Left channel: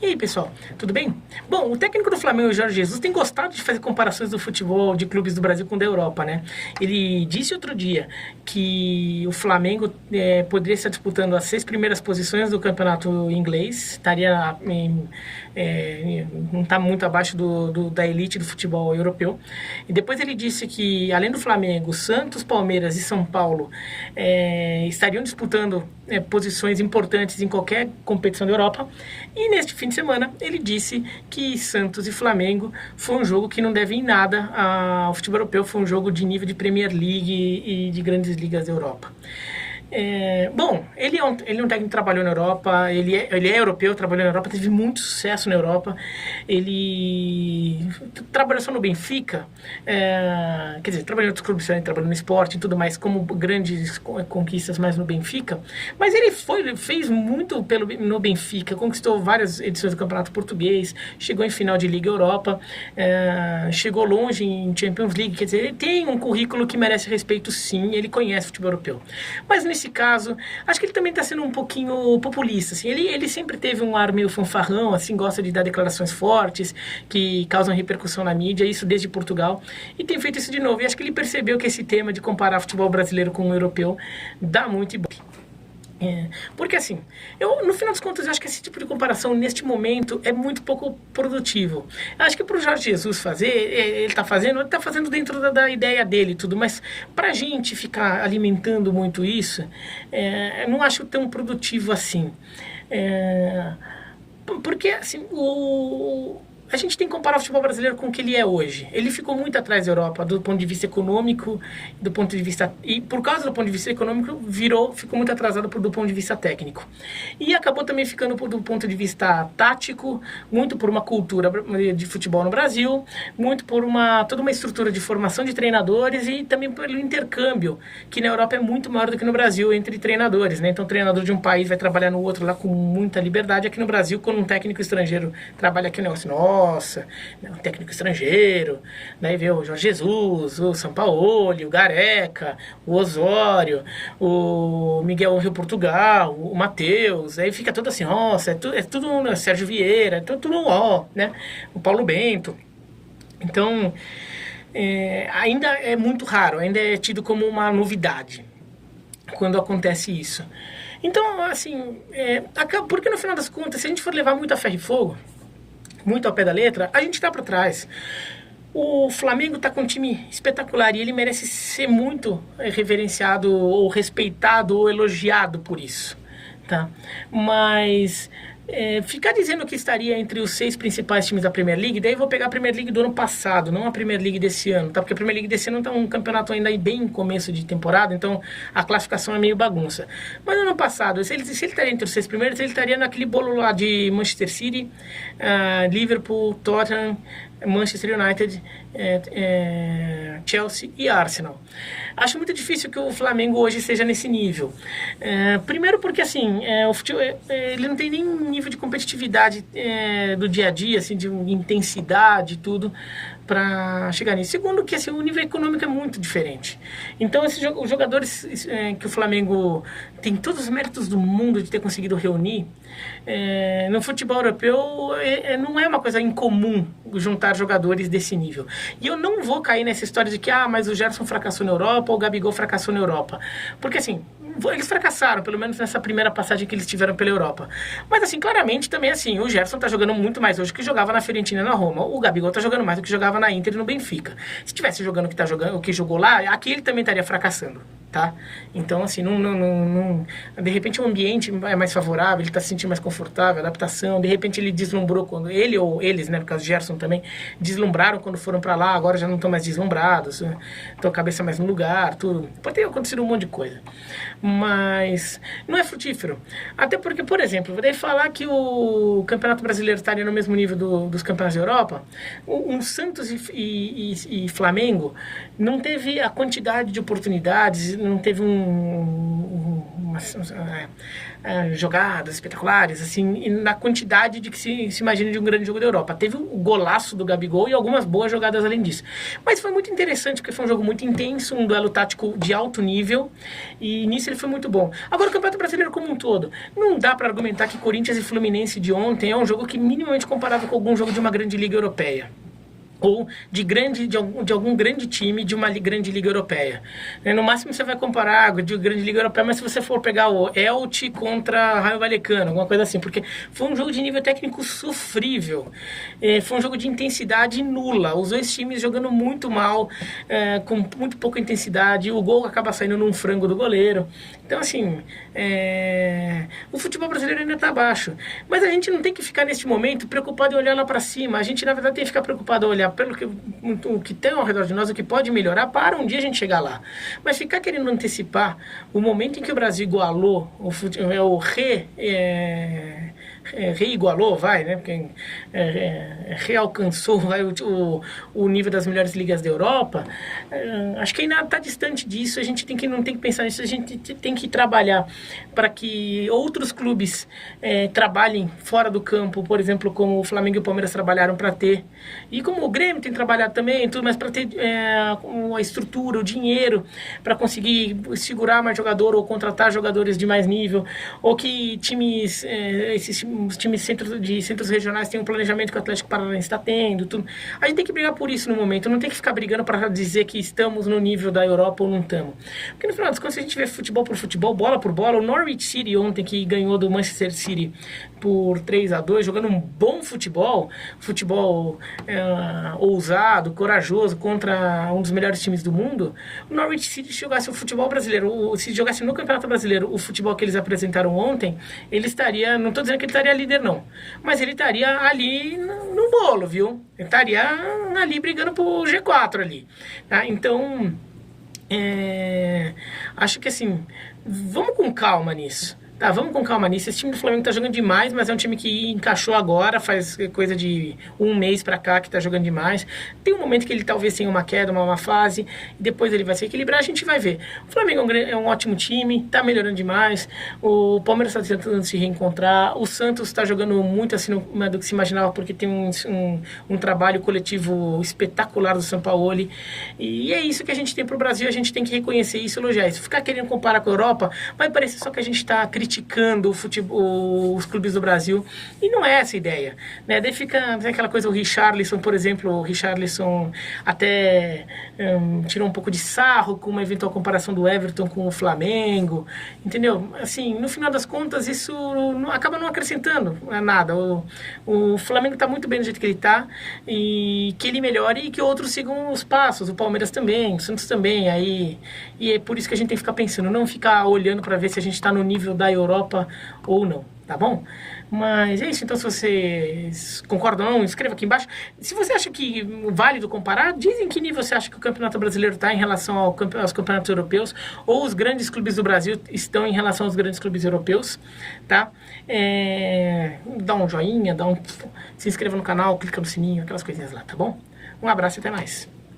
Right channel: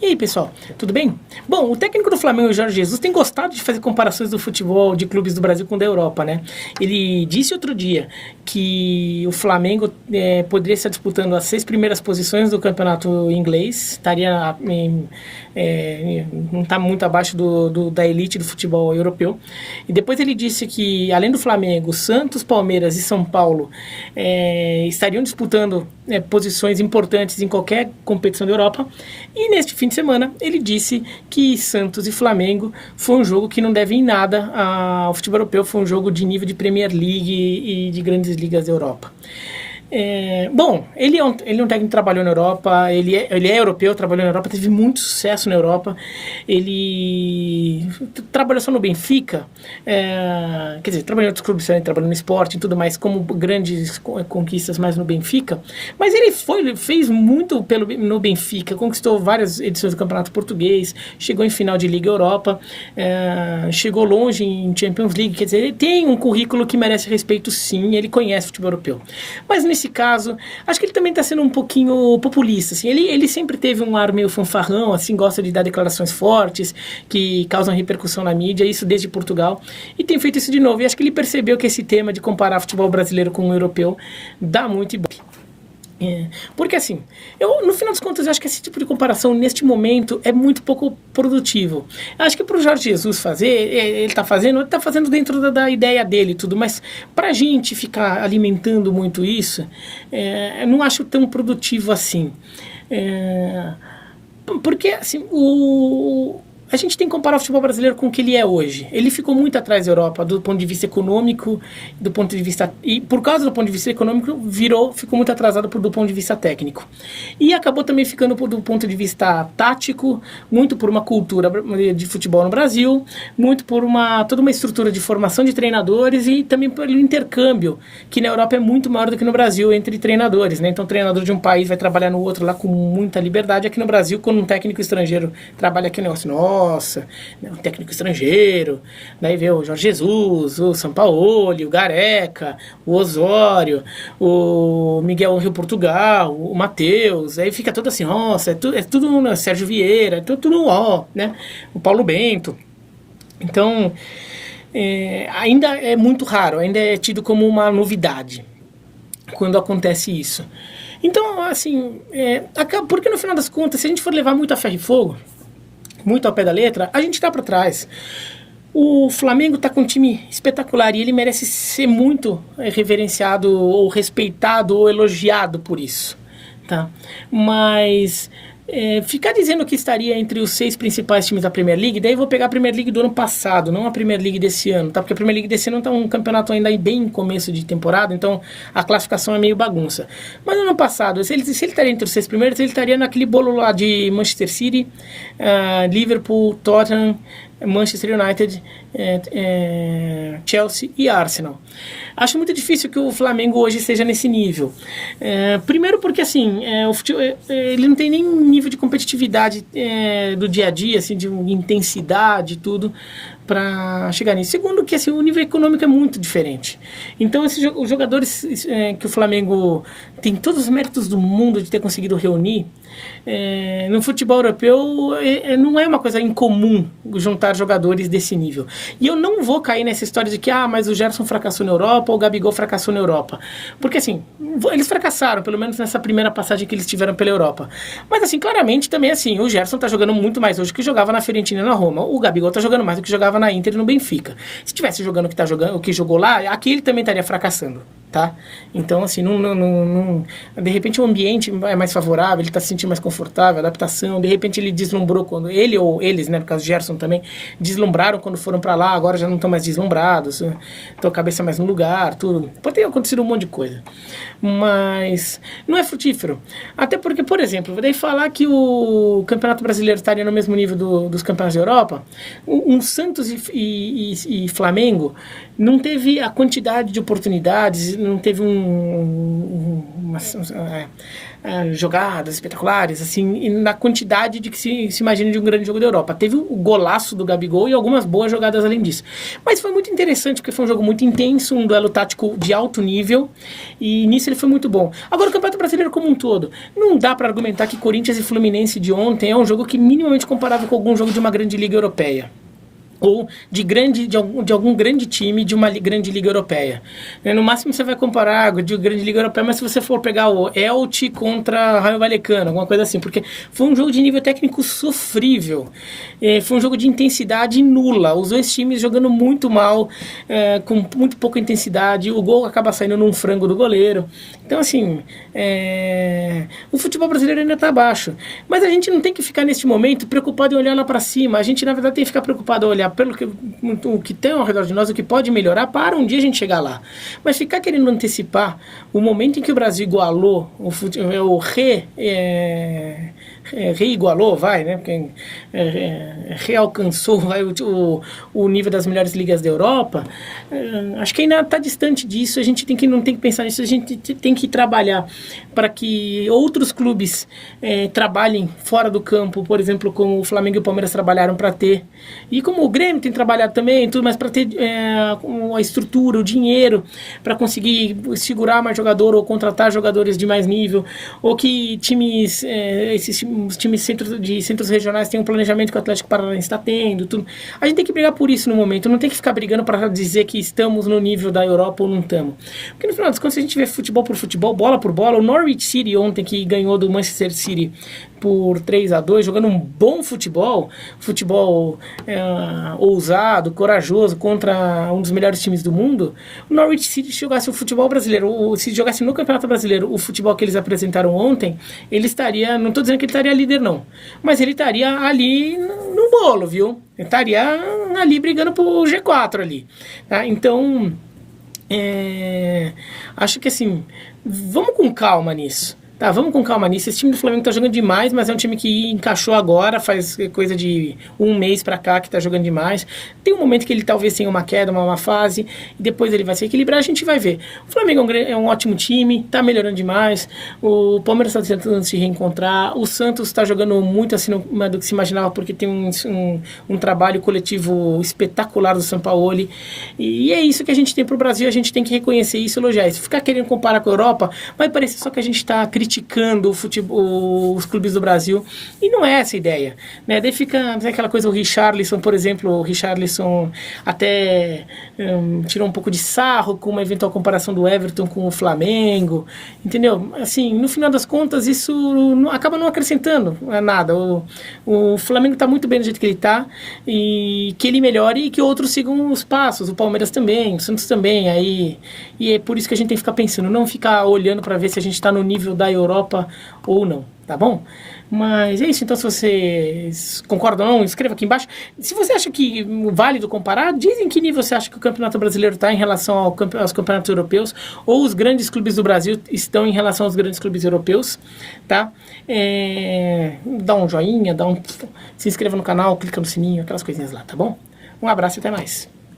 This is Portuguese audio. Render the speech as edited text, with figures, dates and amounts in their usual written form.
E aí, pessoal, tudo bem? Bom, o técnico do Flamengo, Jorge Jesus, tem gostado de fazer comparações do futebol de clubes do Brasil com o da Europa, né? Ele disse outro dia que o Flamengo poderia estar disputando as 6 primeiras posições do campeonato inglês, estaria não está muito abaixo da elite do futebol europeu. E depois ele disse que, além do Flamengo, Santos, Palmeiras e São Paulo estariam disputando posições importantes em qualquer competição da Europa. E neste fim de semana ele disse que Santos e Flamengo foi um jogo que não deve em nada ao futebol europeu, foi um jogo de nível de Premier League e de grandes ligas da Europa. Bom, ele é um técnico que trabalhou na Europa, ele é europeu, trabalhou na Europa, teve muito sucesso na Europa. Ele trabalhou só no Benfica, quer dizer, trabalhou em outros clubes, trabalhou no esporte e tudo mais, como grandes conquistas mais no Benfica, mas ele fez muito no Benfica, conquistou várias edições do Campeonato Português, chegou em final de Liga Europa, chegou longe em Champions League, quer dizer, ele tem um currículo que merece respeito, sim, ele conhece o futebol europeu. Mas nesse caso, acho que ele também está sendo um pouquinho populista, assim. Ele sempre teve um ar meio fanfarrão, assim, gosta de dar declarações fortes, que causam repercussão na mídia, isso desde Portugal, e tem feito isso de novo. E acho que ele percebeu que esse tema de comparar futebol brasileiro com o europeu dá muito ibope. Porque assim, no final das contas, eu acho que esse tipo de comparação neste momento é muito pouco produtivo. Eu acho que para o Jorge Jesus fazer, ele está fazendo dentro da ideia dele e tudo, mas para a gente ficar alimentando muito isso, eu não acho tão produtivo assim. Porque assim, a gente tem que comparar o futebol brasileiro com o que ele é hoje. Ele ficou muito atrás da Europa do ponto de vista econômico, e por causa do ponto de vista econômico ficou muito atrasado do ponto de vista técnico. E acabou também ficando do ponto de vista tático, muito por uma cultura de futebol no Brasil, muito por toda uma estrutura de formação de treinadores e também pelo intercâmbio, que na Europa é muito maior do que no Brasil entre treinadores, né? Então o treinador de um país vai trabalhar no outro lá com muita liberdade. Aqui no Brasil, quando um técnico estrangeiro trabalha aqui, o negócio, um técnico estrangeiro, daí vê o Jorge Jesus, o Sampaoli, o Gareca, o Osório, o Miguel Angel Portugal, o Matheus, aí fica tudo assim, nossa, é tudo Sérgio Vieira, é tudo né? O Paulo Bento. Então, ainda é muito raro, ainda é tido como uma novidade quando acontece isso. Então, assim, porque no final das contas, se a gente for levar muito a ferro e fogo, muito ao pé da letra, a gente está para trás. O Flamengo está com um time espetacular e ele merece ser muito reverenciado ou respeitado ou elogiado por isso, tá? Mas ficar dizendo que estaria entre os 6 principais times da Premier League, daí eu vou pegar a Premier League do ano passado, não a Premier League desse ano, tá? Porque a Premier League desse ano está um campeonato ainda bem em começo de temporada, então a classificação é meio bagunça. Mas no ano passado, se ele estaria entre os 6 primeiros, ele estaria naquele bolo lá de Manchester City, Liverpool, Tottenham, Manchester United, Chelsea e Arsenal. Acho muito difícil que o Flamengo hoje seja nesse nível. Primeiro porque assim, o futebol, ele não tem nem nível de competitividade do dia a dia, assim, de intensidade e tudo, para chegar nisso. Segundo que assim, o nível econômico é muito diferente. Então os jogadores que o Flamengo tem todos os méritos do mundo de ter conseguido reunir, no futebol europeu não é uma coisa incomum juntar jogadores desse nível. E eu não vou cair nessa história de que mas o Gerson fracassou na Europa ou o Gabigol fracassou na Europa. Porque assim, eles fracassaram, pelo menos nessa primeira passagem que eles tiveram pela Europa. Mas assim, claramente também assim, o Gerson tá jogando muito mais hoje que jogava na Fiorentina e na Roma. O Gabigol tá jogando mais do que jogava na Inter e no Benfica. Se tivesse jogando o que jogou lá, aqui ele também estaria fracassando, tá? Então assim, de repente o ambiente é mais favorável, ele tá se sentindo mais confortável, adaptação, de repente ele deslumbrou quando ele ou eles, né, no caso Gerson também, deslumbraram quando foram para lá, agora já não estão mais deslumbrados, estão a cabeça mais no lugar, tudo. Pode ter acontecido um monte de coisa, mas não é frutífero. Até porque, por exemplo, vou daí falar que o Campeonato Brasileiro estaria no mesmo nível dos campeonatos da Europa, um Santos e Flamengo não teve a quantidade de oportunidades, não teve jogadas espetaculares, assim, e na quantidade de que se imagina de um grande jogo da Europa. Teve o golaço do Gabigol e algumas boas jogadas além disso. Mas foi muito interessante, porque foi um jogo muito intenso, um duelo tático de alto nível, e nisso ele foi muito bom. Agora, o Campeonato Brasileiro como um todo, não dá para argumentar que Corinthians e Fluminense de ontem é um jogo que minimamente comparável com algum jogo de uma grande liga europeia, ou de algum grande time de uma grande liga europeia. No máximo você vai comparar de grande liga europeia, mas se você for pegar o Elche contra Raio Vallecano, alguma coisa assim, porque foi um jogo de nível técnico sofrível, foi um jogo de intensidade nula, os dois times jogando muito mal, com muito pouca intensidade, o gol acaba saindo num frango do goleiro. Então, assim, o futebol brasileiro ainda está abaixo, mas a gente não tem que ficar neste momento preocupado em olhar lá para cima. A gente, na verdade, tem que ficar preocupado em olhar pelo o que tem ao redor de nós, o que pode melhorar, para um dia a gente chegar lá. Mas ficar querendo antecipar o momento em que o Brasil igualou, reigualou, vai, né? Porque realcançou o nível das melhores ligas da Europa, acho que ainda está distante disso. A gente não tem que pensar nisso, a gente tem que trabalhar para que outros clubes trabalhem fora do campo, por exemplo, como o Flamengo e o Palmeiras trabalharam para ter, e como o Grêmio tem trabalhado também, tudo, mas para ter a estrutura, o dinheiro, para conseguir segurar mais jogador ou contratar jogadores de mais nível, ou que os times de centros regionais têm um planejamento que o Atlético Paranaense está tendo, tudo. A gente tem que brigar por isso no momento, não tem que ficar brigando para dizer que estamos no nível da Europa ou não estamos. Porque no final das contas, se a gente vê futebol por futebol, bola por bola, o Norwich City ontem, que ganhou do Manchester City por 3-2, jogando um bom futebol ousado, corajoso, contra um dos melhores times do mundo. O Norwich City, se jogasse o futebol brasileiro, se jogasse no Campeonato Brasileiro o futebol que eles apresentaram ontem, ele estaria, não estou dizendo que ele estaria líder não, mas ele estaria ali no bolo, viu? Ele estaria ali brigando pro G4 ali, tá? Então, acho que assim, vamos com calma nisso. Tá, vamos com calma nisso. Esse time do Flamengo tá jogando demais, mas é um time que encaixou agora, faz coisa de um mês pra cá que tá jogando demais. Tem um momento que ele talvez tenha uma queda, uma fase, e depois ele vai se equilibrar, a gente vai ver. O Flamengo é um ótimo time, tá melhorando demais. O Palmeiras tá tentando se reencontrar. O Santos tá jogando muito acima do que se imaginava, porque tem um trabalho coletivo espetacular do Sampaoli. E é isso que a gente tem pro Brasil, a gente tem que reconhecer isso e elogiar isso. Ficar querendo comparar com a Europa, vai parecer só que a gente tá criticando os clubes do Brasil, e não é essa a ideia, né? Daí fica aquela coisa, o Richarlison, por exemplo, o Richarlison até tirou um pouco de sarro com uma eventual comparação do Everton com o Flamengo, entendeu? Assim, no final das contas, isso acaba não acrescentando nada. O Flamengo está muito bem do jeito que ele está, e que ele melhore e que outros sigam os passos, o Palmeiras também, o Santos também, aí, e é por isso que a gente tem que ficar pensando, não ficar olhando para ver se a gente está no nível da Europa ou não, tá bom? Mas é isso, então se vocês concordam ou não, escreva aqui embaixo. Se você acha que é válido comparar, diz em que nível você acha que o Campeonato Brasileiro está em relação aos campeonatos europeus, ou os grandes clubes do Brasil estão em relação aos grandes clubes europeus, tá? Dá um joinha, se inscreva no canal, clica no sininho, aquelas coisinhas lá, tá bom? Um abraço e até mais.